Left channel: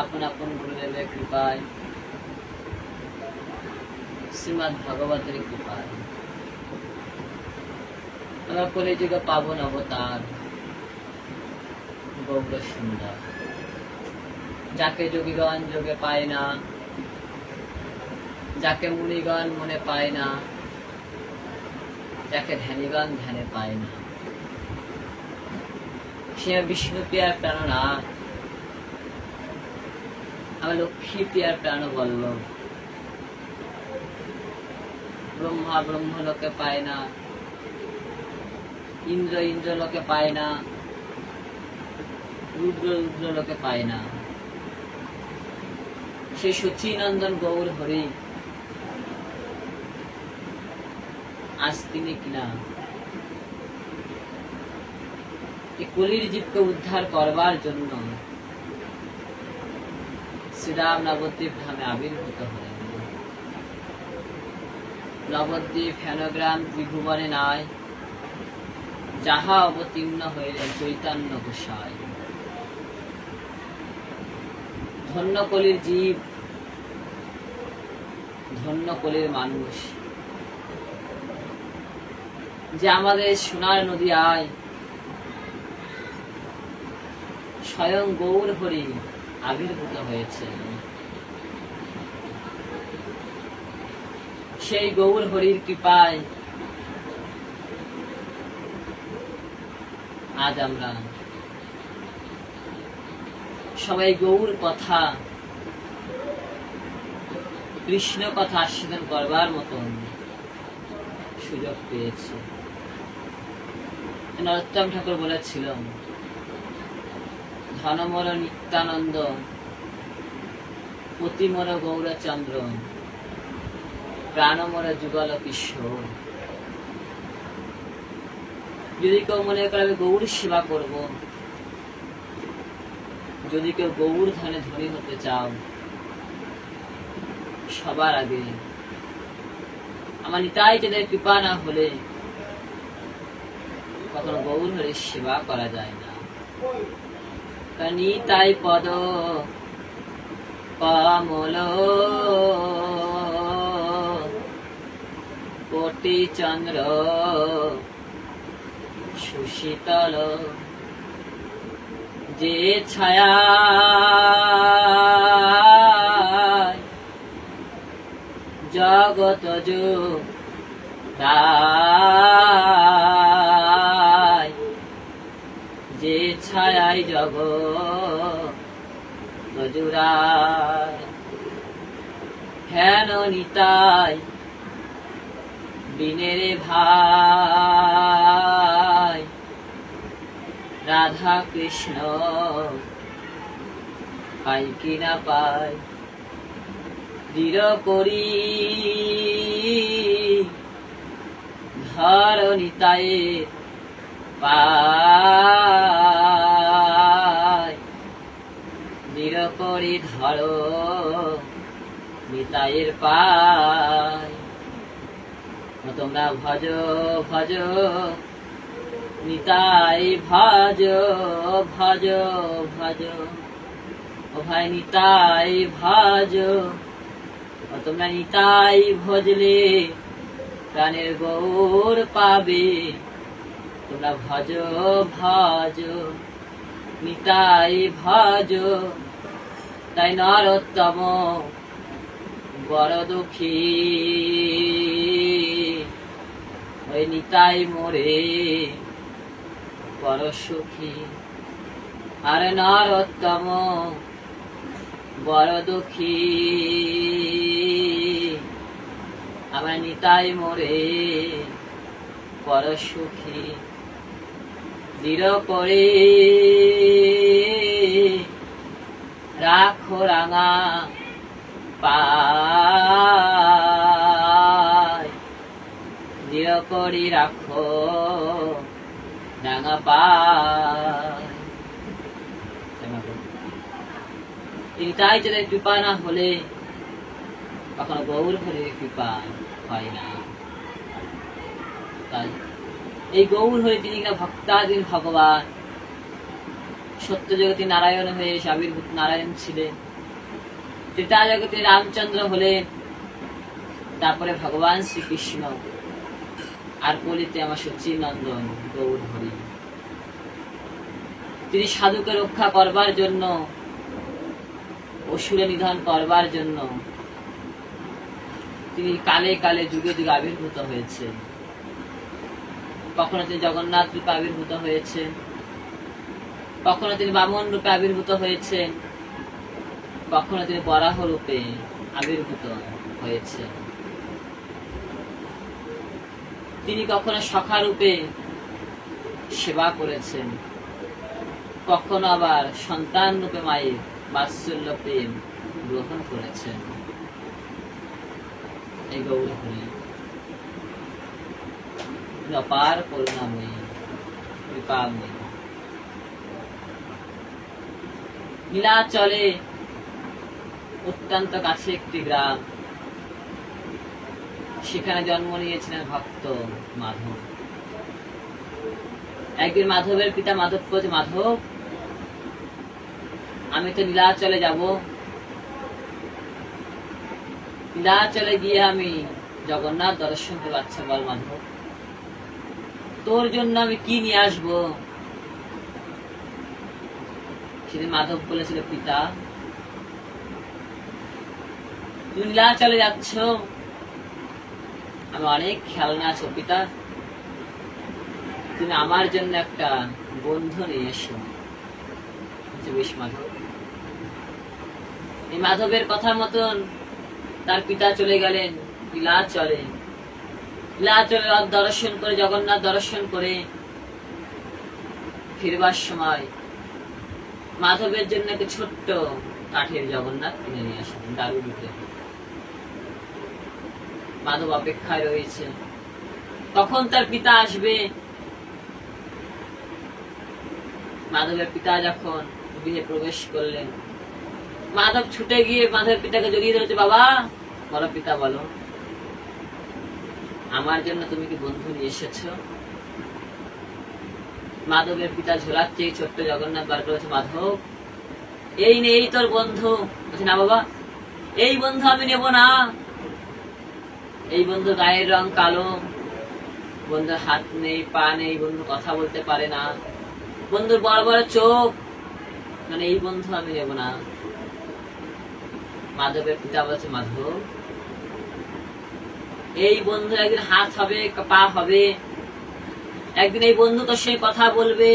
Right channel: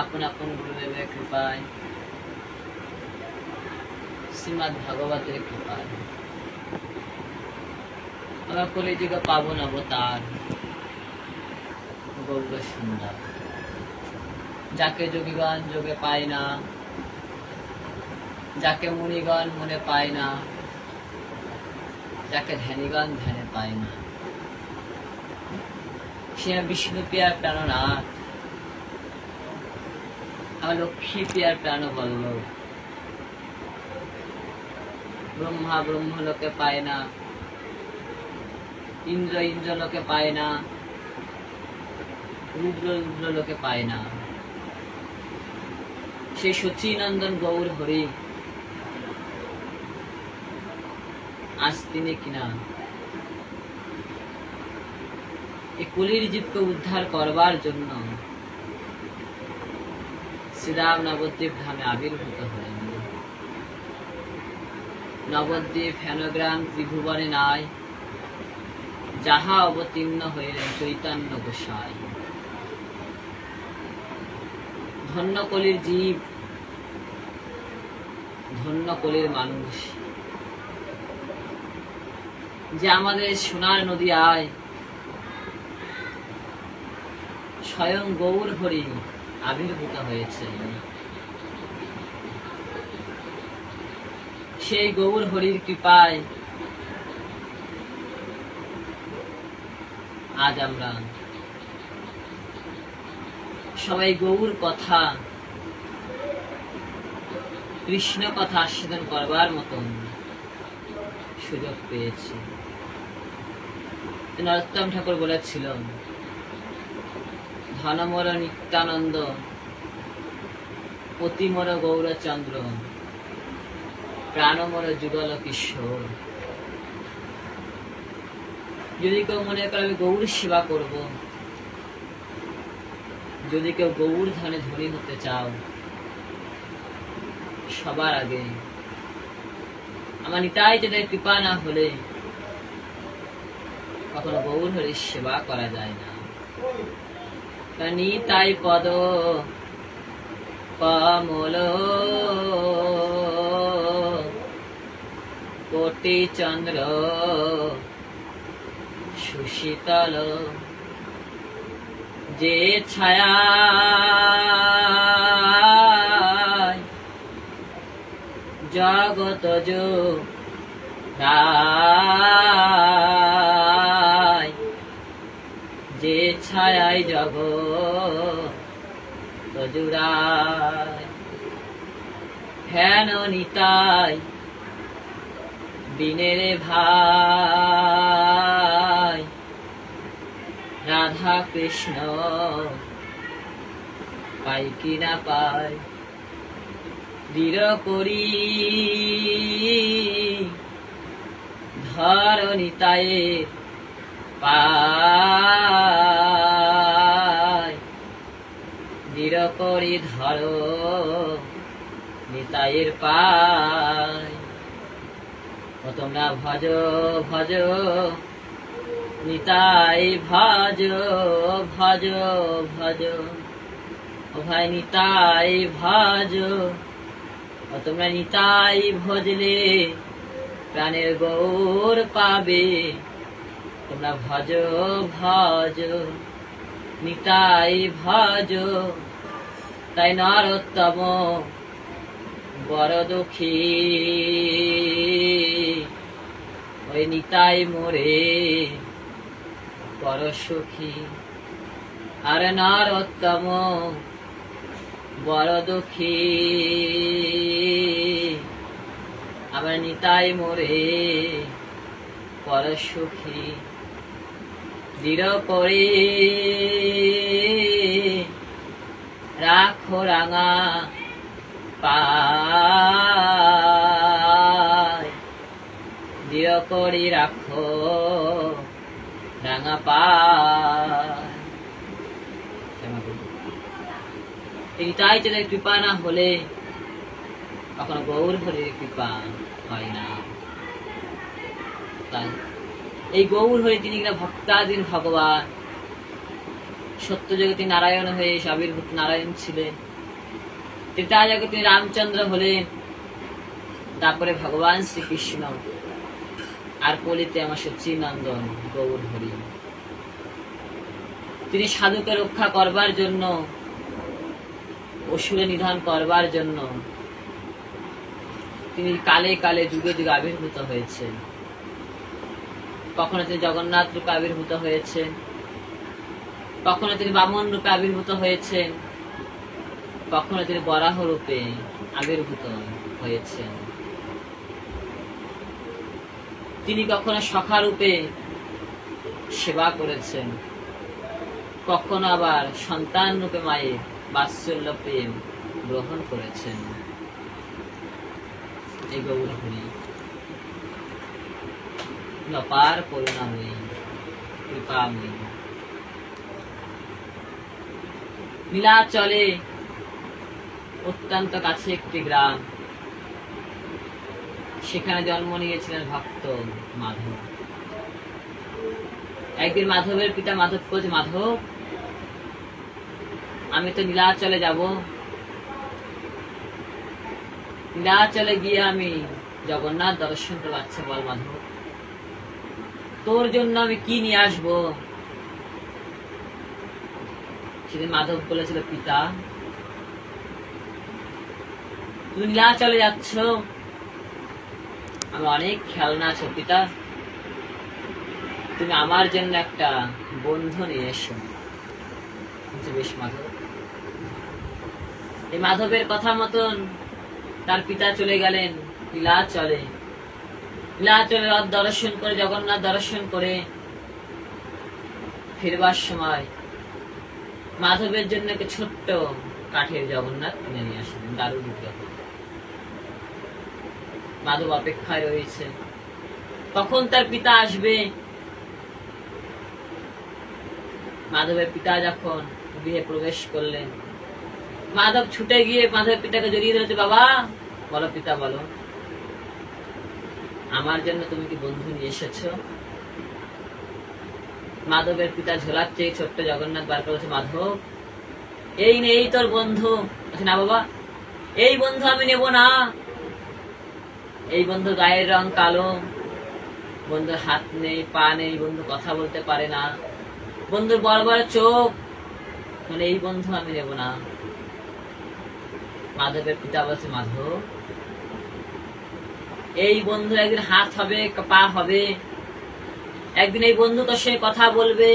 আপন আপন গুরুদেবের কৃপায়, শ্রীমদ্ ভাগবতের কৃপায় আমরা কলিযুগে পাবন অবতার গৌর সুন্দর, যাকে যোগীগণ যোগে পায় না, যাকে মুনিগণ মনে পায় না, যাকে ধ্যানীগণ ধ্যানে পায় না, সে বিষ্ণু প্রিয়ার প্রাণনাথ, আমার লক্ষ্মী প্রিয়ার প্রাণ বল্লভ। ব্রহ্মা ব্রহ্মলোকে পায় না, ইন্দ্র ইন্দ্রলোকে পায় না, রুদ্র রুদ্রলোকে পায় না, সেই সচিনন্দন গৌর হরি আজ তিনি কিনা এই কলির জীবকে উদ্ধার করবার জন্য শ্রীরাম নবদ্বীপ ধামে আবির্ভূত হলেন। নবদ্বীপ হেনগ্রাম ত্রিভুবনে নাই, যাহা অবতীর্ণ হইলেন চৈতন্য গোসাই। ধন্য কলির জীব, ধন্য কলির মানুষ, যে আমাদের সোনার নদী আয় স্বয়ং গৌর হরি আবির্ভূত হয়েছে। সেই গৌর হরির কৃপায় আজ আমরা সবাই গৌর কথা, কৃষ্ণ কথা আস্বাদন করবার মতন সুযোগ পেয়েছি। নরোত্তম ঠাকুর বলেছিলেন, ধনমর নিত্যানন্দ, পতিমর গৌরচন্দ্র, প্রাণমর যুগল কিশোর। যদি কেউ মনে করে আমি গৌর সেবা করব, যদি কেউ গৌর ধনে ধনী হতে চাও, সবার আগে আমার নিতাই যাদের কৃপা না হলে কখনো গৌর হরির সেবা করা যায় না। নিতাই পদ কমল কোটি চন্দ্র সুশীতল, যে ছায়া জগত জোড়ায়, যে ছায়ায় জগত জোড়ায়, হেন নিতাই দিনের ভাই, রাধা কৃষ্ণ পাই কি না পাই, দৃঢ় করি ধর নিতায়ে পাই, দৃঢ় করি ধর নিতায়ের পাই। ও তোমরা ভজ ভজ নিতাই, ভজ ভজ ভজ, ও ভাই নিতাই ভজ। ও তোমরা নিতাই ভজলে প্রাণের গৌর পাবে, তোমরা ভজ ভজ নিতাই ভজ। তাই নরোত্তম বড় দুঃখী, ওই নিতাই মোরে বড় সুখী। আর নরোত্তম বড় দুঃখী, আমার নিতাই মোরে বড় সুখী। দৃঢ় করে রাখো রাঙা পায়, দৃঢ় করে রাখো রাঙা পায়। নিতাই যাদের কৃপা না হলে কখনো গৌর হরির কৃপা হয় না। তাই এই গৌর হরি তিনি কিনা ভক্তাধীন ভগবান, সত্য জগতে নারায়ণ হয়ে আবির্ভূত নারায়ণ ছিলেন। ত্রেতাযুগে তিনি রামচন্দ্র হলেন, তারপরে ভগবান শ্রীকৃষ্ণ, আর কলিতে আমার সচ্চিদানন্দন গৌর হরি। তিনি সাধুকে রক্ষা করবার জন্য, অসুরে নিধন করবার জন্য তিনি কালে কালে যুগে যুগে আবির্ভূত হয়েছেন। কখনো তিনি জগন্নাথ রূপে আবির্ভূত হয়েছেন, কখনো তিনি বামন রূপে আবির্ভূত হয়েছেন, কখনো তিনি বরাহ রূপে আবির্ভূত হয়েছেন। তিনি কখনো সখা রূপে সেবা করেছেন, কখনো আবার সন্তান রূপে মায়ের বাৎসল্য প্রেম গ্রহণ করেছেন। এই গৌর হরি অপার করুণাময়ী, কৃপাময়ী। নীলাচলে অত্যন্ত কাছে একটি গ্রাম, সেখানে জন্ম নিয়েছিলেন ভক্ত মাধব। একদিন মাধবের পিতা মাধব বলছে, মাধব আমি তো নীলাচলে যাব, নীলাচলে গিয়ে আমি জগন্নাথ দর্শন করবো। আচ্ছা বল মাধব, তোর জন্য আমি কি নিয়ে আসবো? সেদিন মাধব বলেছিল, পিতা তুমি নীলাচলে যাচ্ছ, আমি অনেক খেলনা আছো পিতা, তুমি আমার জন্য একটা বন্ধু নিয়ে এসো। বেশ মাধব। এই মাধবের কথা মতন তার পিতা চলে গেলেন নীলাচলে। নীলাচলে দর্শন করে, জগন্নাথ দর্শন করে ফিরবার সময় মাধবের জন্য একটা ছোট্ট কাঠের জগন্নাথ কিনে নিয়ে আসেন, দারু বিগ্রহ। মাধব অপেক্ষায় রয়েছে কখন তার পিতা আসবে। মাধবের পিতা যখন গৃহে প্রবেশ করলেন, মাধব ছুটে গিয়ে মাধবের পিতাকে জড়িয়ে ধরেছে। বাবা বলো পিতা বলো, আমার জন্য তুমি কি বন্ধু নিয়ে এসেছ? মাধবের পিতা ঝোলাচ্ছে ছোট্ট জগন্নাথ বার করেছে। মাধব এই নে, এই তোর বন্ধু। না বাবা, এই বন্ধু আমি নেব না। এই বন্ধু গায়ের রং কালো, বন্ধুর হাত নেই, পা নেই, বন্ধু কথা বলতে পারে না, বন্ধুর বড় বড় চোখ, মানে এই বন্ধু আমি নেব না। মাধবের পিতা বলছে, মাধব এই বন্ধু একদিন হাত হবে, পা হবে, একদিন এই বন্ধু তোর সঙ্গে কথা বলবে।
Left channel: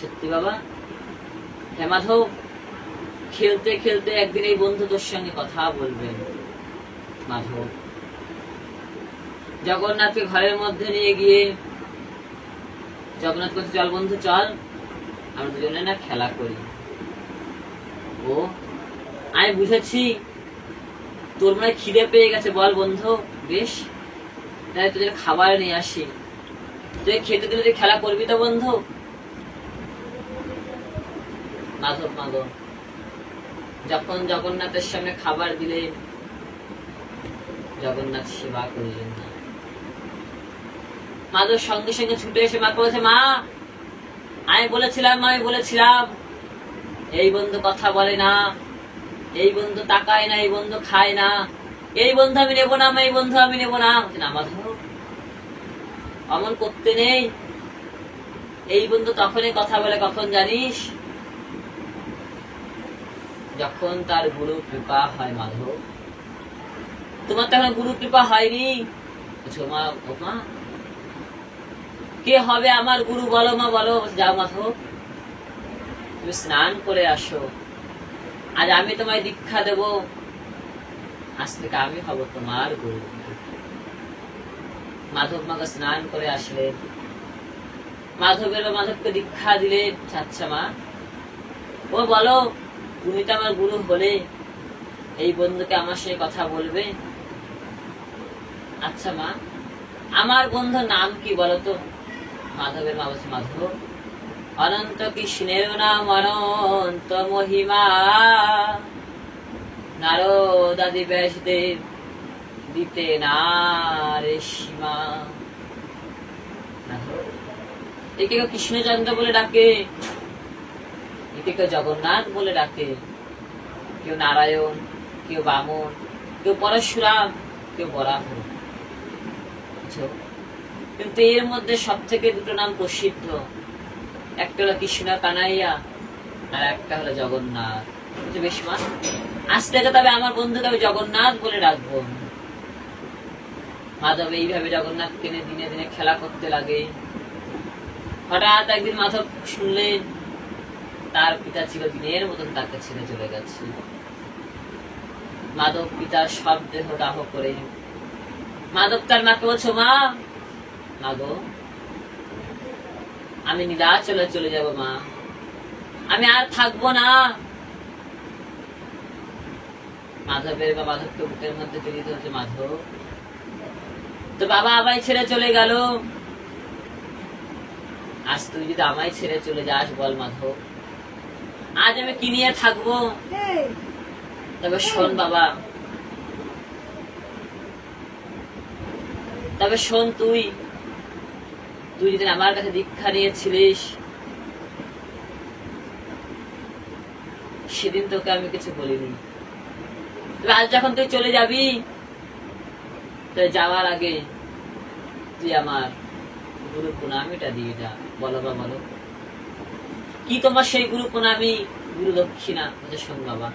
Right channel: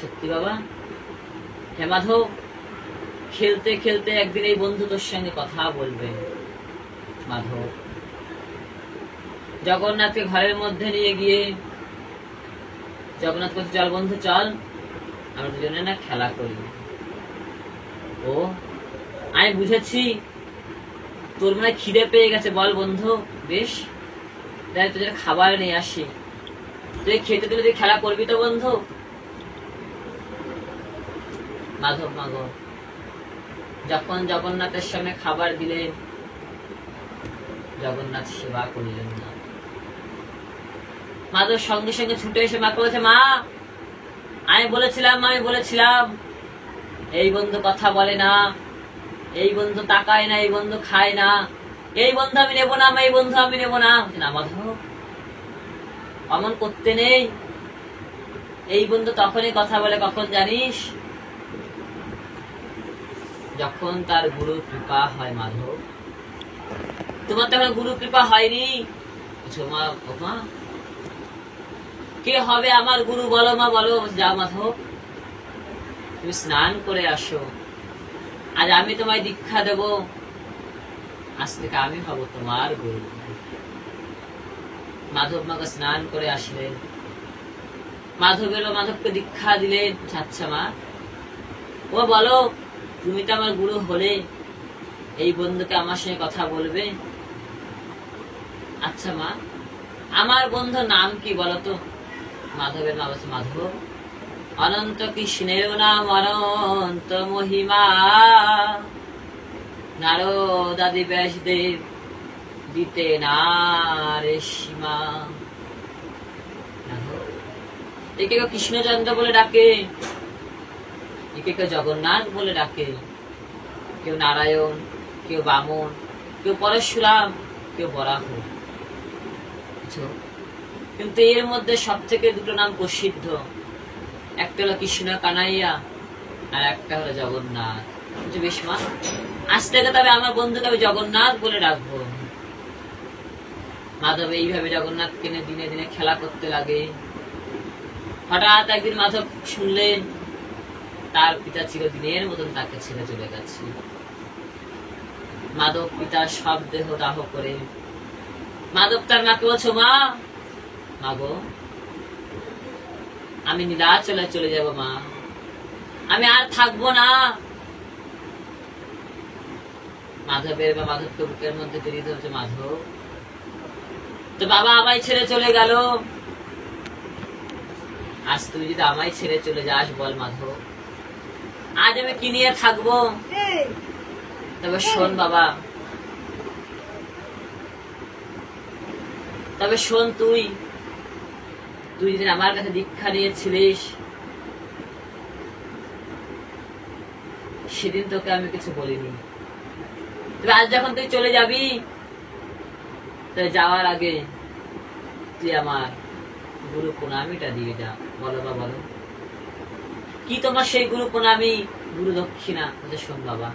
সত্যি বাবা? হ্যাঁ মাধব, খেলতে খেলতে একদিন এই বন্ধু তোর সঙ্গে কথা বলবে। মাধব জগন্নাথকে ঘরের মধ্যে নিয়ে গিয়ে জগন্নাথ বলছে, চল বন্ধু চল, আমরা দুজনে না খেলা করি। ও আমি বুঝেছি, তোর মনে খিদে পেয়ে গেছে, বল বন্ধু। বেশ, তাই তোদের খাবার নিয়ে আসি, তুই খেতে দিলে তুই খেলা করবি তো বন্ধু? মাধব মাগ যখন জগন্নাথের সামনে খাবার দিলেন, জগন্নাথ সেবা করলেন না। মাধব সঙ্গে সঙ্গে ছুটে এসে মাকে বলেছে, মা আমি বলেছিলাম এই বন্ধু কথা বলে না, এই বন্ধু তাকায় না, এই বন্ধু খায় না, এই বন্ধু আমি নেব না, এই বন্ধু আমি নেব না। না মাধব, অমন করতে নেই। এই বন্ধু তখনই কথা বলে কখন জানিস? যখন তার গুরু কৃপা হয়। মাধব তোমার তখন গুরু কৃপা হয়নি। মা কে হবে আমার গুরু বলো মা, বলো। যাও মাধব, তুমি স্নান করে আসো, আজ আমি তোমায় দীক্ষা দেব, আজ থেকে আমি হব তোমার গুরু। মাধব মাকে স্নান করে আসলেন, মাধব এলো, মাধবকে দীক্ষা দিলেন। আচ্ছা মা, ও বলো, তুমি তো আমার গুরু হলে, এই বন্ধুকে আমার সঙ্গে কথা বলবে? আচ্ছা মা, আমার বন্ধুর নাম কি বলো তো? মাধবের মা বলছে, মাধব অনন্ত কৃষ্ণের নাম অনন্ত মহিমা, নারদ আদি ব্যাসদেব দিতে না রে সীমা। একে কেউ কৃষ্ণচন্দ্র বলে ডাকে, একে কেউ জগন্নাথ বলে ডাকে, কেউ নারায়ণ, কেউ বামন, কেউ পরশুরাম, কেউ বরাহ। কিন্তু এর মধ্যে সব থেকে দুটো নাম প্রসিদ্ধ, একটা হলো কৃষ্ণ কানাইয়া আর একটা হলো জগন্নাথ। বেশ মা, আজ থেকে তবে আমার বন্ধুকে আমি জগন্নাথ বলে ডাকবো। মাধব এইভাবে জগন্নাথ কিনে দিনে দিনে খেলা করতে লাগে। হঠাৎ একদিন মাধব শুনলেন তার পিতা চিরদিনের মতন তাকে ছেড়ে চলে গেছে। মাধব পিতার সব দেহ দাহ করে মাধব তার মাকে বলছো, মা মাগো আমি নীলাচলে চলে যাব মা, আমি আর থাকবো না। মাধবের বা মাধবকে বুকের মধ্যে জড়িয়ে ধরছে। মাধব, তো বাবা আমায় ছেড়ে চলে গেল, আজ তুই যদি আমায় ছেড়ে চলে যাস বল মাধব, আজ আমি কি নিয়ে থাকবো? তবে শোন বাবা, তবে শোন, তুই যেদিন আমার কাছে দীক্ষা নিয়েছিলিস সেদিন তোকে আমি কিছু বলিনি। তবে আজ যখন তুই চলে যাবি, তাহলে যাওয়ার আগে তুই আমার গুরু প্রণামীটা দিয়ে যা। বলো বা বলো, কি তোমার সেই গুরু প্রণামী, গুরু দক্ষিণা? শোন বাবা,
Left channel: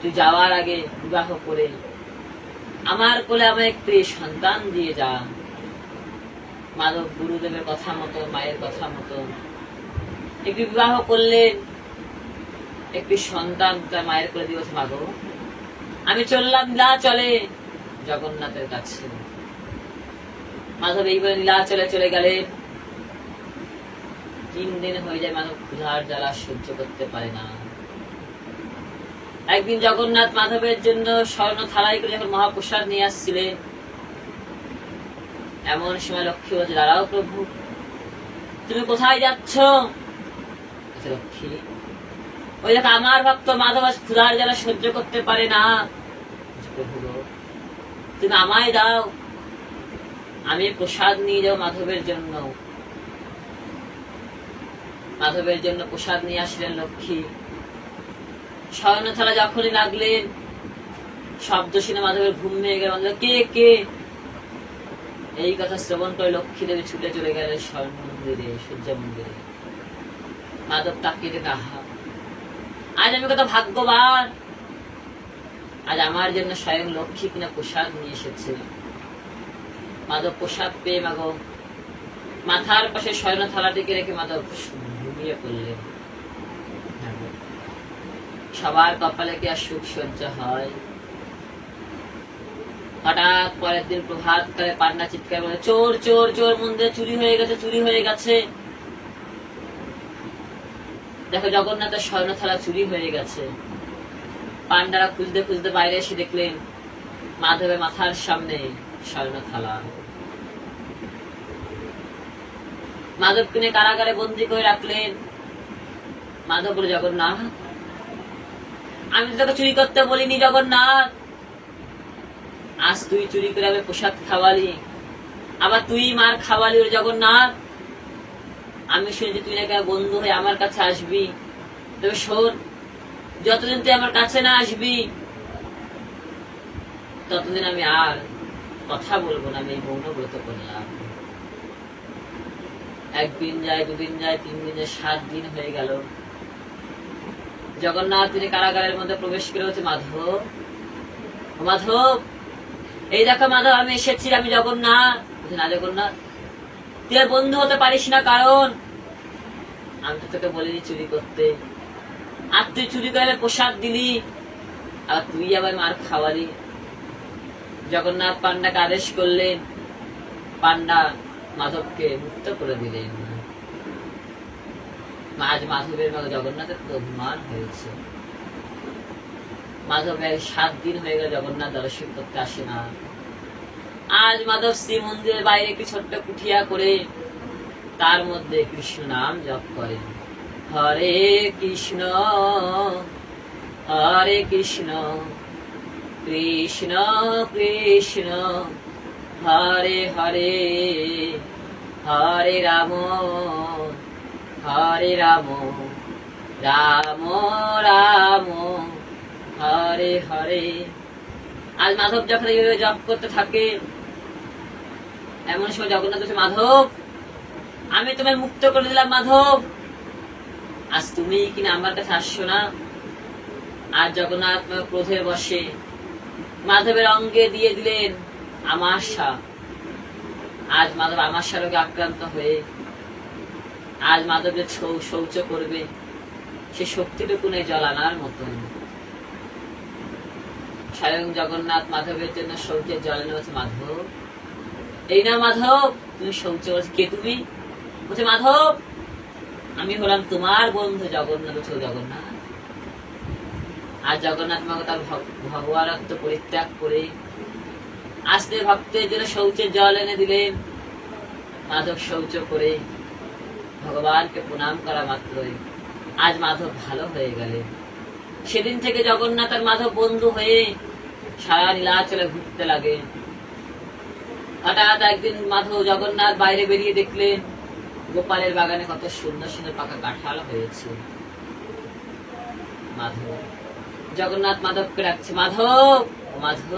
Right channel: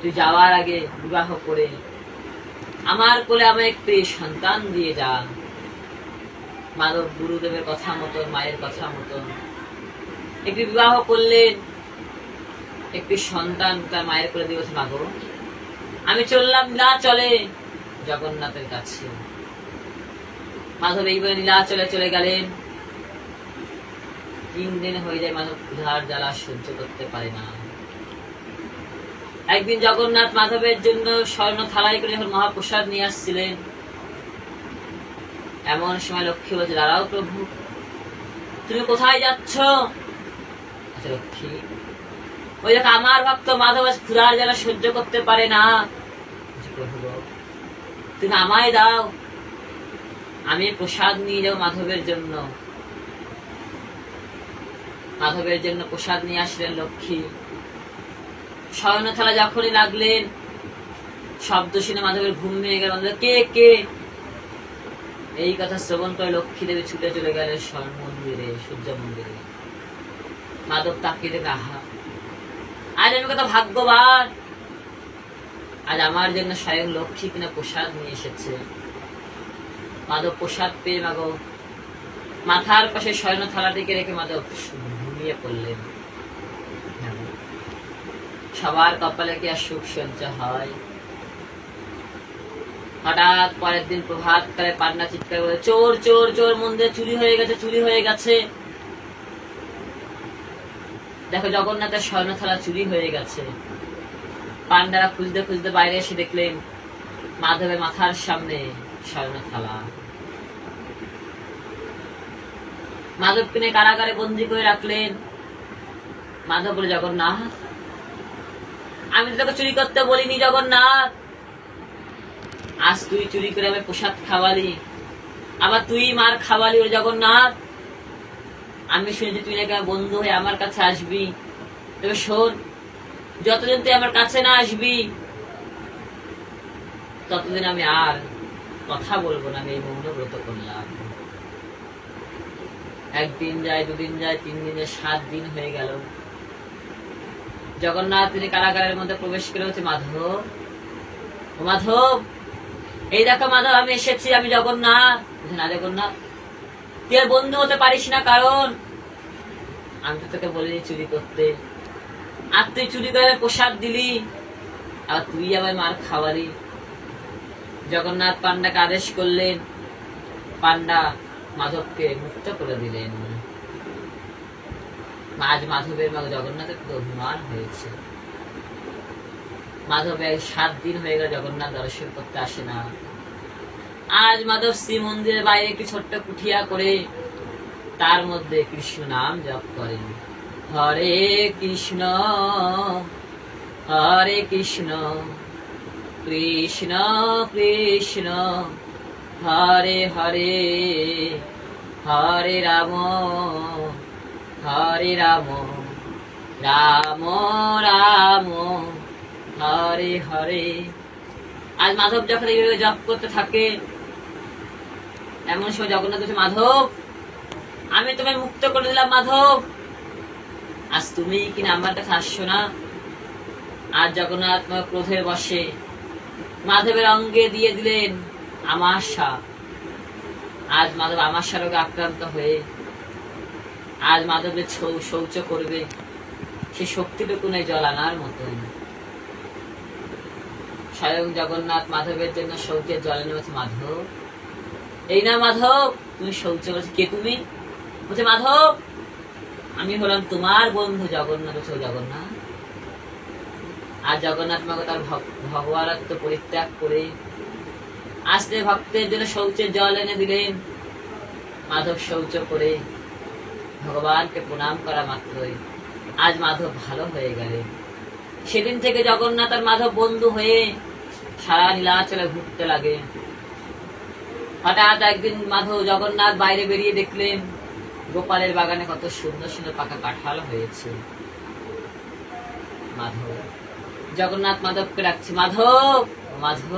তুই যাওয়ার আগে বিবাহ করে আমার কোলে আমার একটি সন্তান দিয়ে যা। মাধব গুরুদেবের কথা মতন, মায়ের কথা মতন একটি বিবাহ করলেন, একটি সন্তান মায়ের কোলে দিয়েছে। মাগো আমি চললাম নীলাচলে জগন্নাথের কাছে। মাধব এইভাবে নীলাচলে চলে গেলেন। 3 দিন হয়ে যায়, মাধব ক্ষুধার জ্বালা সহ্য করতে পারে না। একদিন জগন্নাথ মাধবের জন্য স্বর্ণ থালায় করে যখন মহাপ্রসাদ নিয়ে আসছিলেন, এমন সময় লক্ষ্মী বলছে, দাঁড়াও প্রভু, তুমি কোথায় যাচ্ছ? লক্ষ্মী, ওই দেখো আমার ভক্ত মাধব আজ ক্ষুধার জ্বালা সহ্য করতে পারে না। প্রভু তুমি আমায় দাও, আমি প্রসাদ নিয়ে যাও মাধবের জন্য। মাধবের জন্য প্রসাদ নিয়ে আসলেন লক্ষ্মী। স্বর্ণ থালা যখনই লাগলেন, শব্দ শুনে মাধবের ঘুম ভেঙে গেল। কে কে? এই কথা শ্রবণ করে লক্ষ্মী দেবী ছুটে চলে গেলেন স্বর্ণ মন্দিরে, সূর্য মন্দিরে। মাধব তাকিয়ে দেখে, আহা, আজ আমি কত ভাগ্যবান, আজ আমার জন্য স্বয়ং লক্ষ্মী কিনা প্রসাদ নিয়ে এসেছে। মাধব প্রসাদ পেয়ে মাগো মাথার পাশে স্বর্ণ থালাটিকে রেখে মাধব ঘুমিয়ে পড়লেন। সবার কপালে কি আর সুখ সঞ্চা হয়? হঠাৎ পরের দিন প্রভাত কালে পান্না চিৎকার বলে, চোর চোর চোর, মন্দিরে চুরি হয়ে গেছে, চুরি হয়ে গেছে। দেখো জগন্নাথের স্বর্ণ থালা চুরি হয়ে গেছে। পান্ডারা খুঁজতে খুঁজতে বাইরে এসে দেখলেন মাধবের মাথার সামনে স্বর্ণ থালা। মাধবকে নিয়ে কারাগারে বন্দী করে রাখলেন। মাধব বলে, জগন্নাথ আমি তোকে চুরি করতে বলিনি জগন্নাথ, আজ তুই চুরি করে আমি প্রসাদ খাওয়ালি, আবার তুই মার খাওয়ালি। ও জগন্নাথ, আমি শুনেছি তুই নাকি আমার বন্ধু হয়ে আমার কাছে আসবি। তবে শোন, যতদিন তুই আমার কাছে না আসবি ততদিন আমি আর কথা বলবো না, আমি এই মৌন ব্রত করলাম। একদিন যায়, 2 দিন যায়, 3 দিন যায়, 7 দিন হয়ে গেল। জগন্নাথ তিনি কারাগারের মধ্যে প্রবেশ করে হচ্ছে, মাধব মাধব, এই দেখো মাধব আমি এসেছি, আমি জগন্নাথ। না জগন্নাথ, তুই আর বন্ধু হতে পারিস না, কারণ আমি তো তোকে বলিনি চুরি করতে, আর তুই চুরি করে প্রসাদ দিলি, আর তুই আবার মার খাওয়ালি। জগন্নাথ পান্ডাকে আদেশ করলেন, পান্ডা মাধবকে মুক্ত করে দিলেন। আজ মাধবের মা জগন্নাথের তো অভিমান হয়েছে। মাধবের 7 দিন হয়ে গেল জগন্নাথ দর্শন করতে আসে না। আজ মাধব শ্রী মন্দিরের বাইরে একটি ছোট্ট কুঠিয়া করে তার মধ্যে কৃষ্ণ নাম জপ করেন। হরে কৃষ্ণ হরে কৃষ্ণ কৃষ্ণ কৃষ্ণ হরে হরে, হরে রাম হরে রাম রাম রাম হরে হরে হরে। আজ মাধব যখন এইভাবে জপ করতে থাকে, এমন সময় জগন্নাথ বলছে, মাধব আমি তোমায় মুক্ত করে দিলাম মাধব, আজ তুমি কিনা আমার কাছে আসছো না। আর জগন্নাথ ক্রোধের বশে মাধবের অঙ্গে দিয়ে দিলেন আমাশা। আজ মাধব আমাশা রোগে আক্রান্ত হয়ে আজ মাধবের শৌচ করবে, সে শক্তিটুকু নেই জল আনার মতো। স্বয়ং জগন্নাথ মাধবের জন্য শৌচের জল এনে বলছে, মাধব এই না মাধব তুমি শৌচ করছো। কে তুমি? বলছে, মাধব আমি হলাম তোমার বন্ধু জগন্নাথ। বলছে, জগন্নাথ। আর জগন্নাথ মাকে তার ভগবানত্ব পরিত্যাগ করে আস্তে ভক্তের জন্য শৌচের জল এনে দিলেন। মাধব শৌচ করে ভগবানকে প্রণাম করা মাত্রই আজ মাধব ভালো হয়ে গেলেন। সেদিন থেকে জগন্নাথ আর মাধব বন্ধু হয়ে সারা নীলাচলে ঘুরতে লাগে। হঠাৎ একদিন মাধব জগন্নাথ বাইরে বেরিয়ে দেখলেন গোপালের বাগানে কত সুন্দর সুন্দর পাকা কাঁঠাল হয়েছে। মাধব জগন্নাথ মাধবকে ডাকছে, মাধব মাধব।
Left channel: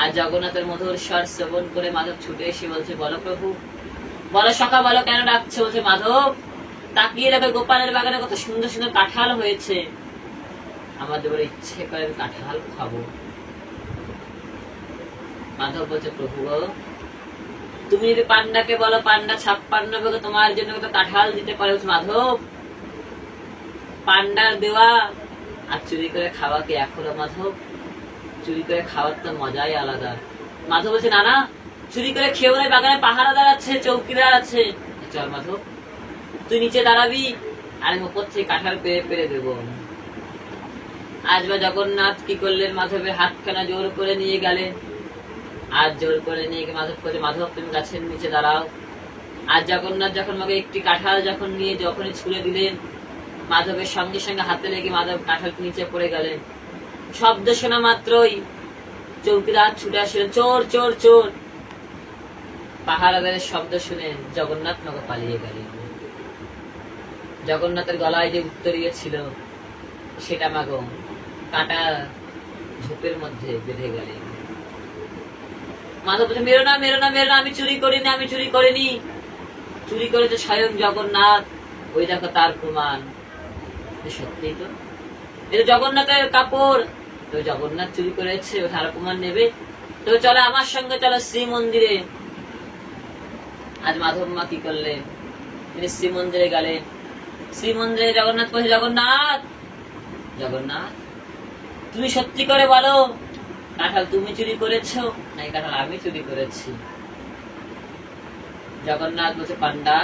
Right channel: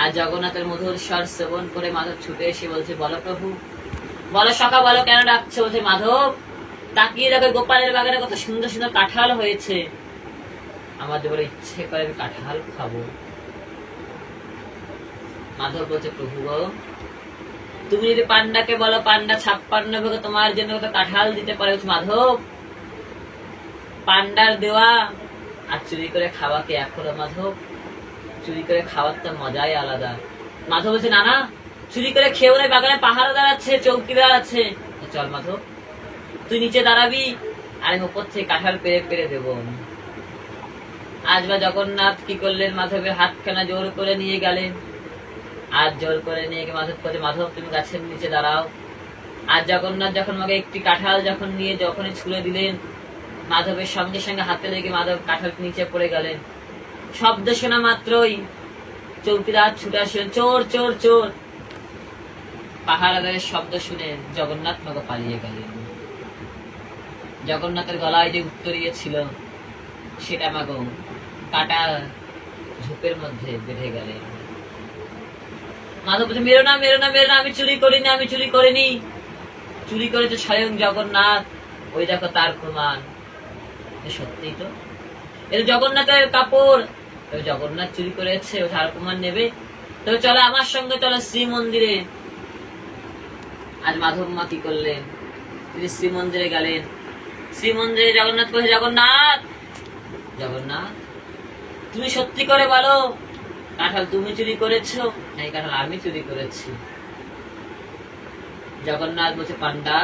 আর জগন্নাথের মধুর স্বর শ্রবণ করে মাধব ছুটে এসে বলছে, বলো প্রভু, বলো সখা, বলো কেন ডাকছে? বলছে, মাধব তাকিয়ে দেখো গোপালের বাগানে কত সুন্দর সুন্দর কাঁঠাল হয়েছে, আমাদের বলে ইচ্ছে করে কাঁঠাল খাবো। মাধব বলছে, প্রভু গো তুমি যদি পান্ডাকে বলো, পান্ডা 56 ভাগে তোমার জন্য কত কাঁঠাল দিতে পারে। মাধব পান্ডার দেওয়া আর চুরি করে খাওয়া কি এক হলো মাধব? চুরি করে খাওয়ার তো মজাই আলাদা। মাধব বলছে, না না চুরি করে খেয়েও নাই, বাগানে পাহারাদার আছে, চৌকিদার আছে। চল মাধব তুই নিচে দাঁড়াবি আর আমি উপর থেকে কাঁঠাল পেরে পেরে দেবো। আজবা জগন্নাথ কি করলেন, মাধবের হাতখানা জোর করে নিয়ে গেলেন। আর জোর করে নিয়ে গিয়ে মাধব বলছে, মাধব তুমি গাছের নিচে দাঁড়াও। আর জগন্নাথ যখন মাকে একটি কাঁঠাল যখন নিয়ে যখনই ছুঁড়ে দিলেন, মাধবের সঙ্গে সঙ্গে হাতে লেগে মাধব কাঁঠাল নিচে পড়ে গেলেন। শব্দ শোনা মাত্রই চৌকিদার ছুটে আসলেন, চোর চোর চোর। পাহারাদারের শব্দ শুনে জগন্নাথ মাকে পালিয়ে গেলেন। জগন্নাথের গলায় যে উত্তরীয় ছিল সেটা মাগো কাটা ঝোপের মধ্যে বেঁধে গেলেন। মাধব বলছে, মেরো না মেরো না মেরো না, আমি চুরি করিনি, আমি চুরি করিনি, চুরি করেছে স্বয়ং জগন্নাথ। ওই দেখো তার প্রমাণ। সত্যি তো, এটা জগন্নাথের কাপড়, তবে জগন্নাথ চুরি করেছে, ও তার প্রমাণ নেবে। তবে চলো আমার সঙ্গে, চলো শ্রীমন্দিরে। আজ মাধব মা কি করলেন, তিনি শ্রীমন্দিরে গেলেন। শ্রীমন্দিরে জগন্নাথ বলছে, জগন্নাথ জগন্নাথ তুমি সত্যি করে বলো, কাঁঠাল তুমি চুরি করেছো না এই কাঁঠাল আমি চুরি করেছি? জগন্নাথ বলছে, পান্ডা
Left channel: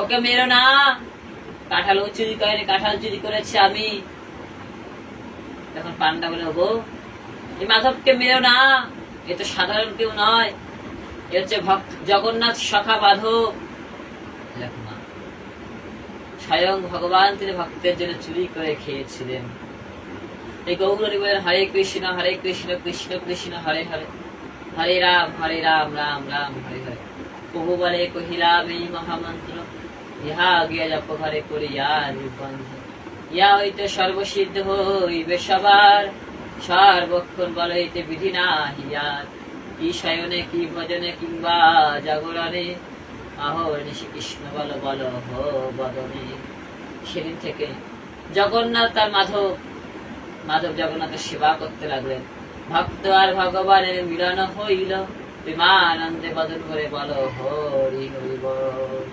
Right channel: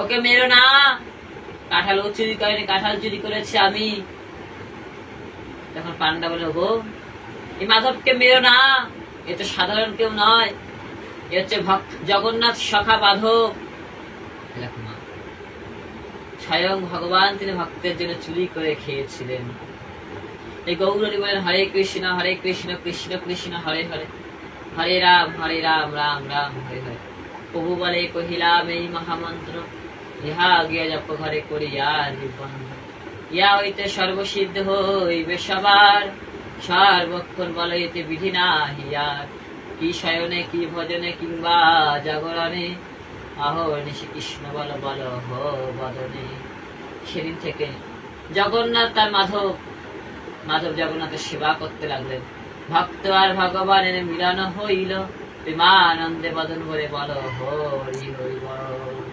ওকে মেরো না, কাঁঠাল ও চুরি করেনি, কাঁঠাল চুরি করেছে আমি। তখন পান্ডা বলে, গো এই মাধবকে মেরো না, এ তো সাধারণ কেউ নয়, এ হচ্ছে জগন্নাথ সখা মাধব। দেখো মা, স্বয়ং ভগবান তিনি ভক্তের জন্য চুরি করে খেয়েছিলেন। এই গৌরী বলেন, হরে কৃষ্ণ কৃষ্ণ কৃষ্ণ হরে হরে, হরে রাম রাম রাম হরে হরে। প্রভু বলে কহিলাম এই মহামন্ত্র, ইহা গিয়া জপ ঘরে করিয়া নিবন্ধ, ইয়া হইতে সর্বসিদ্ধ হইবে সবার, সর্বক্ষণ বলে এতে বিধি না হিয়ার। কি শয়নে কি ভজনে কিংবা জাগরণে, আহরণে শ্রীকৃষ্ণ বল বল হো বদনে। সেদিন থেকে জগন্নাথ আর মাধব জগন্নাথের সেবা করতে লাগলেন। ভক্ত আর ভগবানের মিলন হইল, প্রেমানন্দে বদন ভরে বল হরি হরি বল।